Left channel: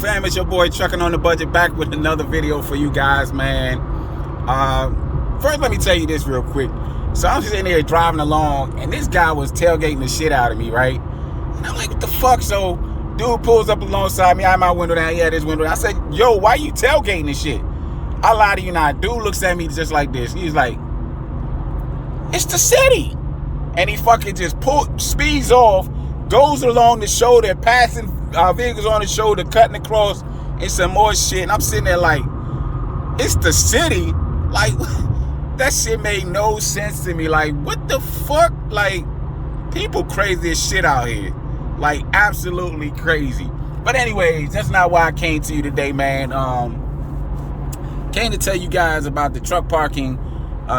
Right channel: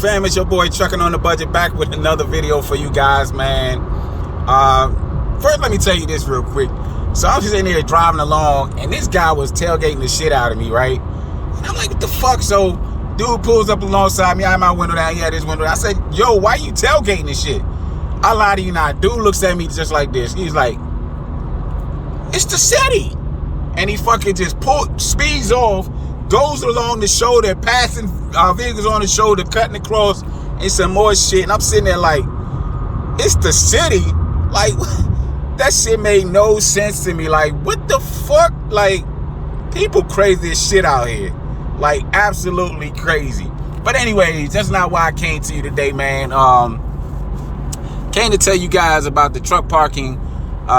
fam? It's your boy Trucking on the Budget, back with another video for you guys, man. First, let me tell you this real quick. So I'm sitting there driving along, and this guy was tailgating the shit out of me, right? And I'm like, what the fuck? So dude pulls up alongside me. I had my window down. He had his window down. I said, yo, why you tailgating this shit? I lie to you not. Dude looks at me just like this. He's like, it's the city. And he fucking just speeds off, goes along the shoulder, passing vehicles on the shoulder, cutting across, and some more shit. And I'm sitting there like, it's the city? Like, that shit made no sense to me. Like, what the fuck? Like, people crazy as shit out here. Like, absolutely crazy. But anyways, that's not why I came to you today, man. Came to tell you guys about the Truck Parking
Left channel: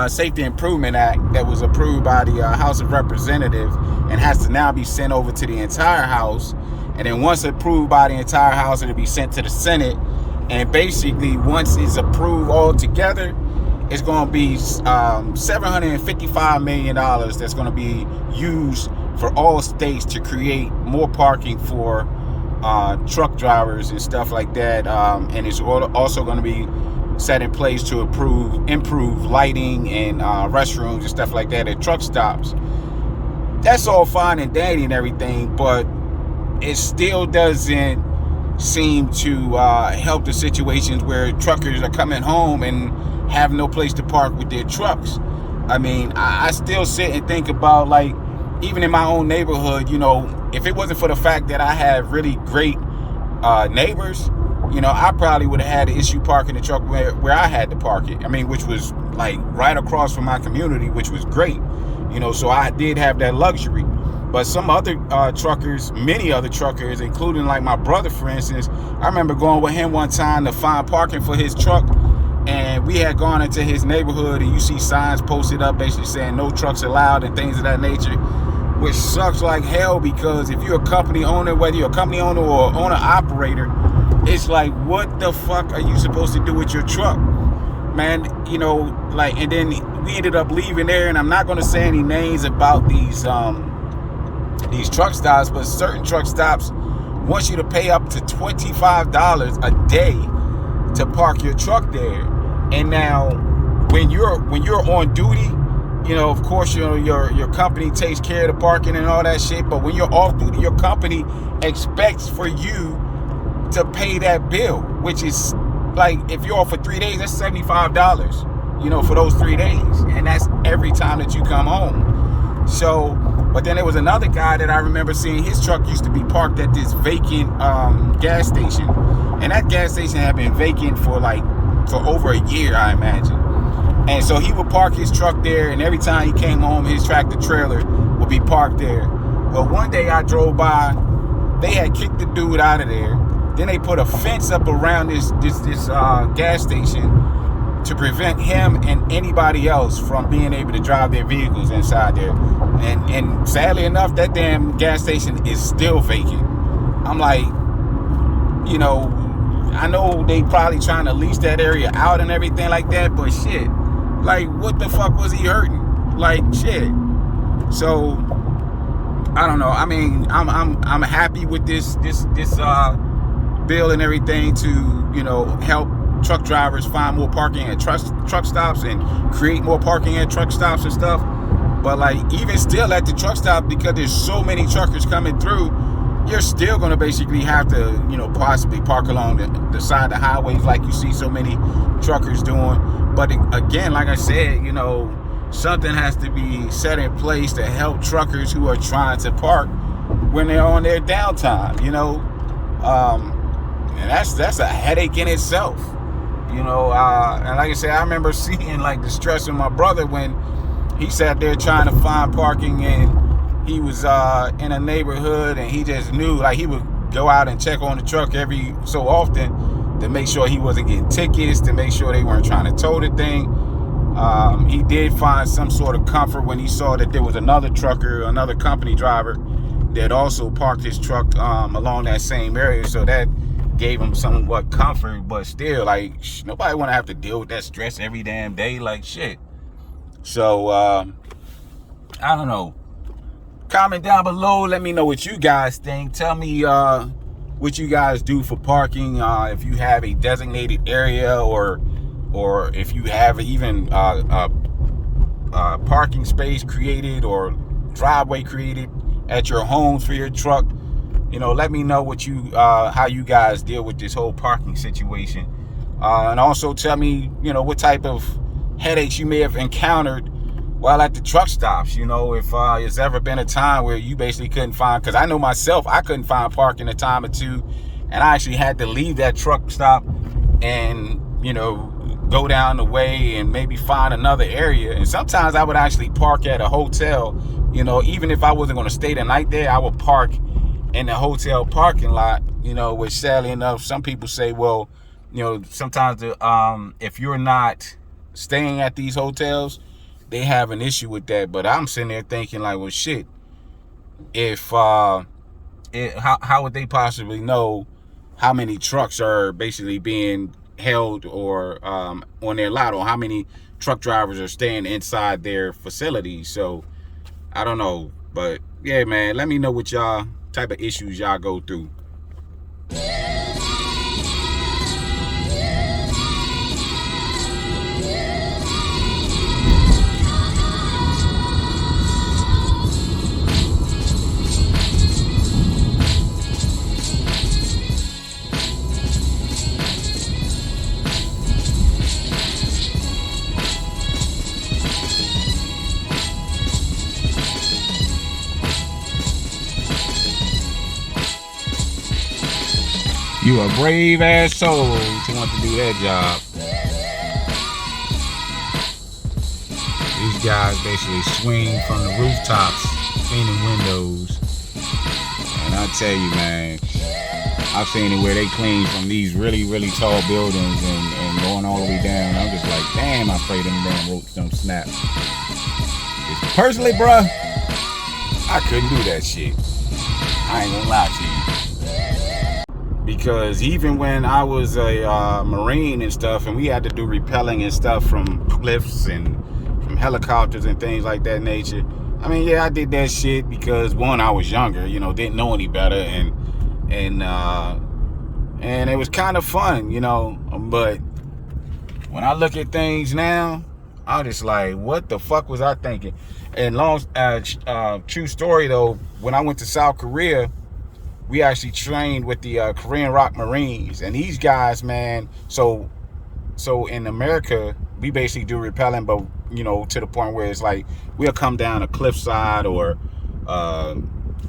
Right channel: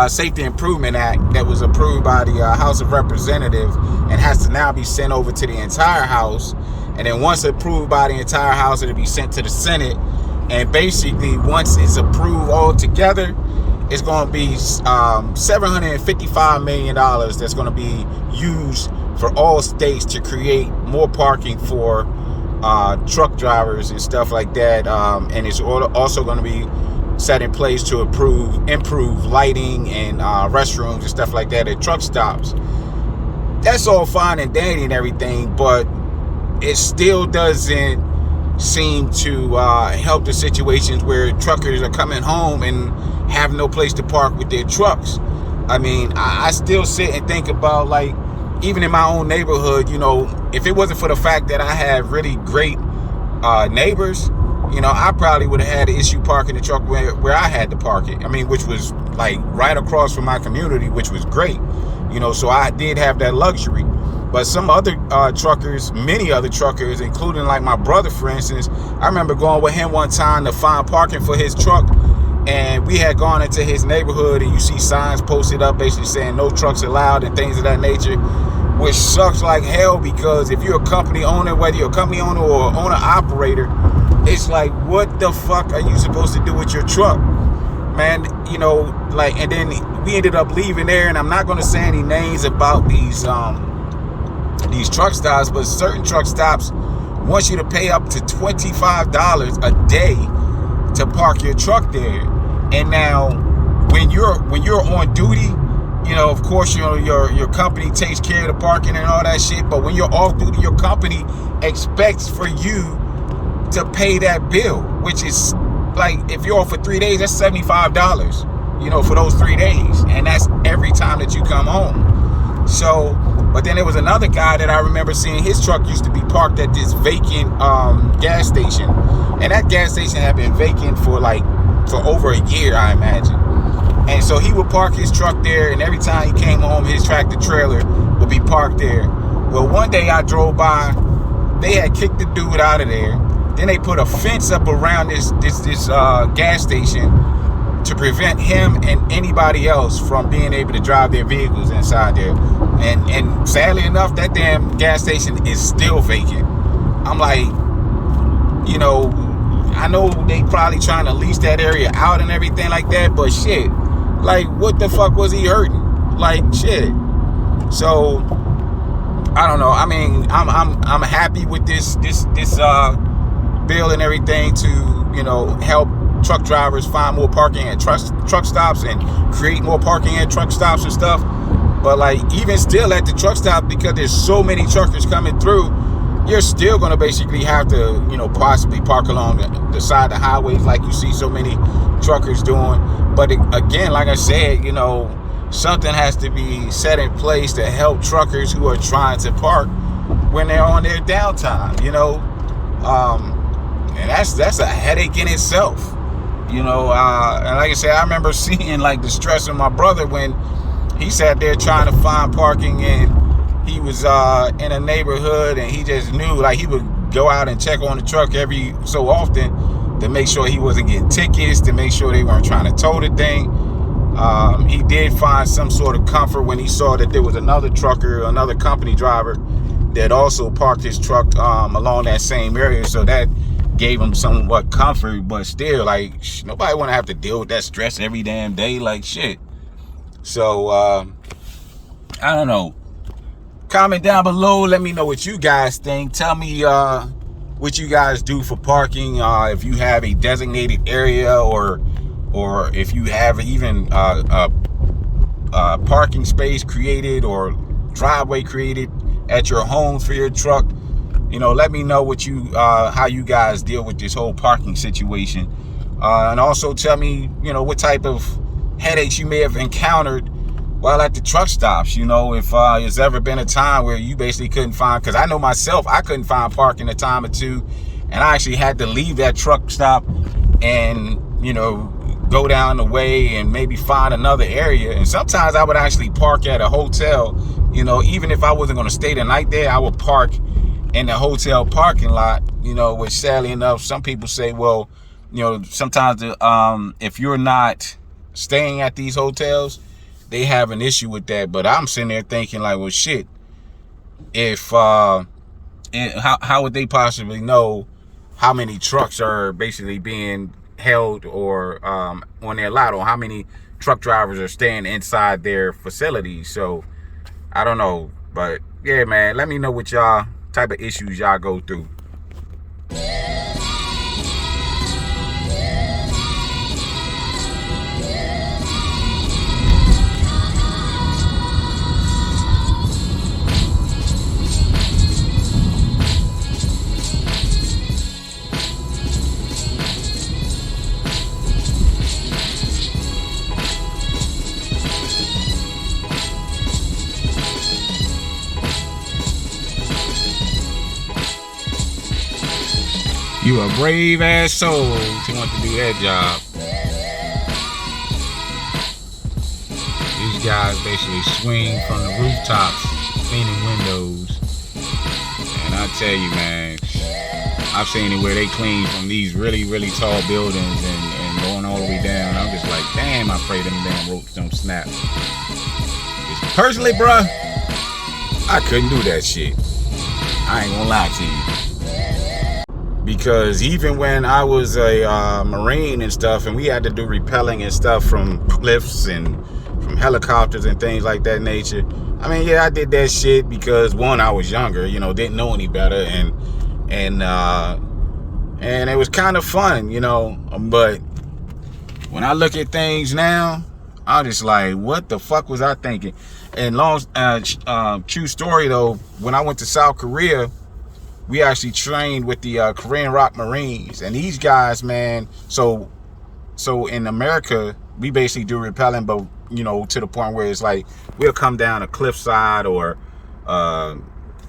Safety Improvement Act that was approved by the House of Representatives and has to now be sent over to the entire House. And then once approved by the entire House, it'll be sent to the Senate. And basically, once it's approved all together, it's going to be $755 million that's going to be used for all states to create more parking for truck drivers and stuff like that. And it's also going to be set in place to improve lighting and restrooms and stuff like that at truck stops. That's all fine and dandy and everything, but it still doesn't seem to help the situations where truckers are coming home and have no place to park with their trucks. I mean, I still sit and think about, like, even in my own neighborhood, you know, if it wasn't for the fact that I have really great neighbors, you know, I probably would have had an issue parking the truck where I had to park it. I mean, which was like right across from my community, which was great. You know, so I did have that luxury. But some other truckers, many other truckers, including like my brother, for instance, I remember going with him one time to find parking for his truck. And we had gone into his neighborhood, and you see signs posted up basically saying no trucks allowed and things of that nature, which sucks like hell, because if you're a company owner, whether you're a company owner or owner operator, it's like, what the fuck are you supposed to do with your truck, man? You know, like, and then we ended up leaving there, and I'm not going to say any names about these truck stops, but certain truck stops want you to pay up to $25 a day to park your truck there. And now, when you're on duty, you know, of course, your company takes care of the parking and all that shit. But when you're off duty, your company expects for you to pay that bill, which is like, if you're off for 3 days, that's $75, you know, for those 3 days. And that's every time that you come home. So, but then there was another guy that I remember seeing, his truck used to be parked at this vacant gas station. And that gas station had been vacant for over a year, I imagine. And so he would park his truck there, and every time he came home, his tractor trailer would be parked there. Well, one day I drove by, they had kicked the dude out of there. Then they put a fence up around this gas station to prevent him and anybody else from being able to drive their vehicles inside there. And sadly enough, that damn gas station is still vacant. I'm like, you know, I know they probably trying to lease that area out and everything like that, but shit, like, what the fuck was he hurting? Like, shit. So I don't know. I mean, I'm happy with this bill and everything to, you know, help truck drivers find more parking at truck stops and create more parking at truck stops and stuff. But like, even still at the truck stop, because there's so many truckers coming through, you're still going to basically have to, you know, possibly park along the side of the highways like you see so many truckers doing. But again, like I said, you know, something has to be set in place to help truckers who are trying to park when they're on their downtime, you know. And that's a headache in itself, you know. And like I said, I remember seeing like the stress of my brother when he sat there trying to find parking, and he was in a neighborhood, and he just knew, like, he would go out and check on the truck every so often to make sure he wasn't getting tickets, to make sure they weren't trying to tow the thing. He did find some sort of comfort when he saw that there was another trucker, another company driver that also parked his truck along that same area, so that gave him somewhat comfort. But still, like, nobody want to have to deal with that stress every damn day, like, shit. So I don't know. Comment down below, let me know what you guys think. Tell me what you guys do for parking, if you have a designated area, or if you have even a parking space created or driveway created at your homes for your truck. You know, let me know what you how you guys deal with this whole parking situation, and also tell me, you know, what type of headaches you may have encountered while at the truck stops. You know, if there's ever been a time where you basically couldn't find, because I know myself, I couldn't find parking a time or two, and I actually had to leave that truck stop and, you know, go down the way and maybe find another area. And sometimes I would actually park at a hotel. You know, even if I wasn't going to stay the night there, I would park in the hotel parking lot, you know, which sadly enough, some people say, well, you know, sometimes if you're not staying at these hotels, they have an issue with that. But I'm sitting there thinking like, well, shit, if how would they possibly know how many trucks are basically being held or on their lot, or how many truck drivers are staying inside their facilities? So I don't know, but yeah, man, let me know what y'all type of issues y'all go through. You a brave ass soul to want to do that job. These guys basically swing from the rooftops, cleaning windows. And I tell you, man, I've seen it where they clean from these really, really tall buildings and going all the way down. I'm just like, damn, I pray them damn ropes don't snap. Personally, bruh, I couldn't do that shit. I ain't gonna lie to you. Because even when I was a Marine and stuff, and we had to do rappelling and stuff from cliffs and from helicopters and things like that nature, I mean, yeah, I did that shit because, one, I was younger, you know, didn't know any better, and it was kind of fun, you know. But when I look at things now, I'm just like, what the fuck was I thinking? And true story though, when I went to South Korea, we actually trained with the Korean Rock Marines, and these guys, man, so in America, we basically do rappelling, but, you know, to the point where it's like, we'll come down a cliffside or,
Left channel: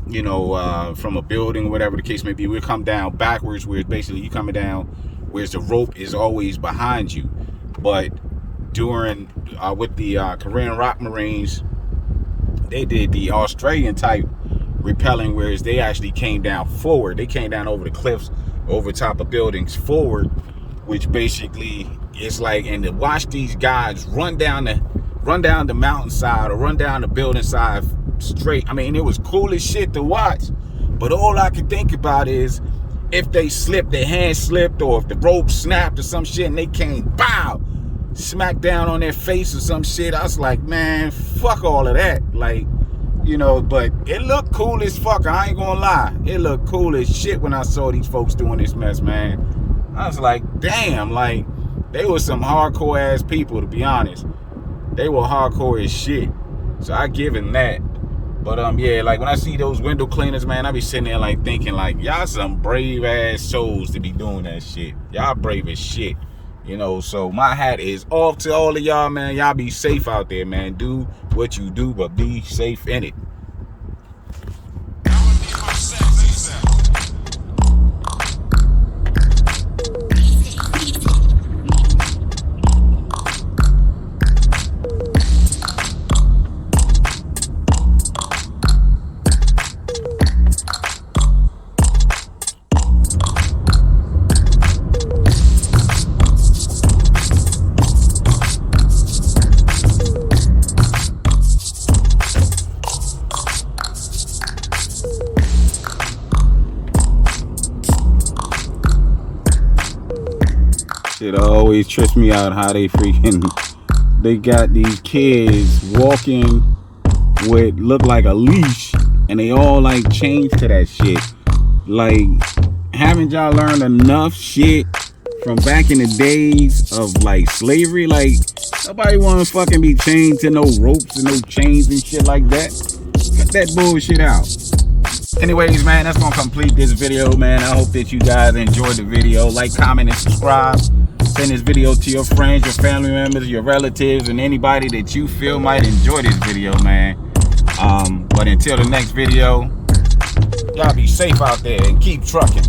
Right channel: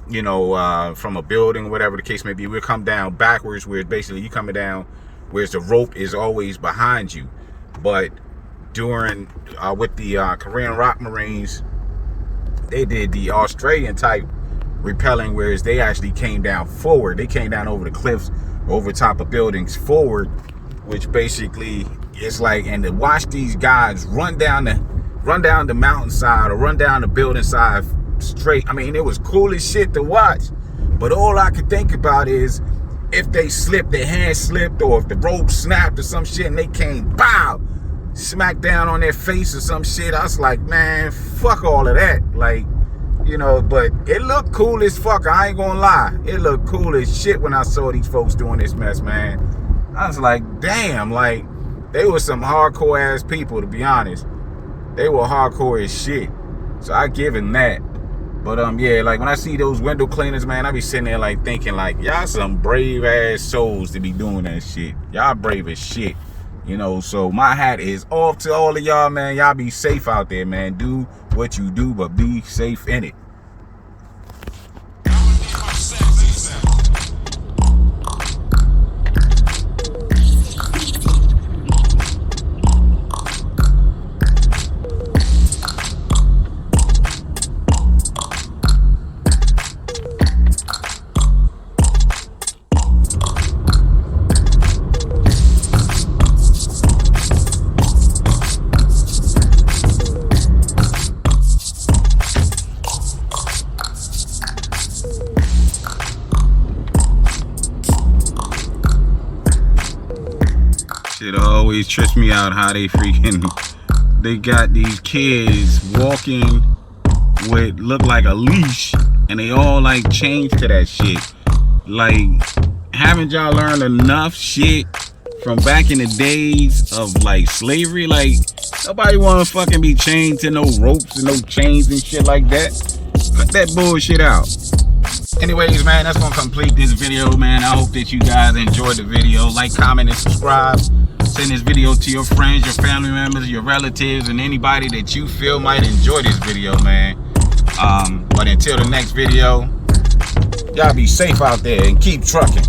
you know, from a building, whatever the case may be, we'll come down backwards, where basically you coming down, whereas the rope is always behind you. But during, with the Korean Rock Marines, they did the Australian type rappelling, whereas they actually came down forward. They came down over the cliffs, over top of buildings forward, which basically is like, and to watch these guys run down the mountainside or run down the building side straight, I mean, it was cool as shit to watch. But all I could think about is if they slipped, their hand slipped, or if the rope snapped or some shit and they came, bow, smack down on their face or some shit. I was like, man, fuck all of that. Like, you know, but it looked cool as fuck. I ain't gonna lie. It looked cool as shit when I saw these folks doing this mess, man. I was like, damn, like, they were some hardcore ass people, to be honest. They were hardcore as shit. So I give them that. But yeah, like when I see those window cleaners, man, I be sitting there like thinking like, y'all some brave ass souls to be doing that shit. Y'all brave as shit. You know, so my hat is off to all of y'all, man. Y'all be safe out there, man. Do what you do, but be safe in it. It always trips me out how they got these kids walking with look like a leash, and they all like change to that shit. Like, haven't y'all learned enough shit from back in the days of like slavery? Like, nobody wanna fucking be chained to no ropes and no chains and shit like that. Cut that bullshit out. Anyways, man, that's gonna complete this video, man. I hope that you guys enjoyed the video. Like, comment, and subscribe. Send this video to your friends, your family members, your relatives, and anybody that you feel might enjoy this video, man. But until the next video, y'all be safe out there and keep trucking.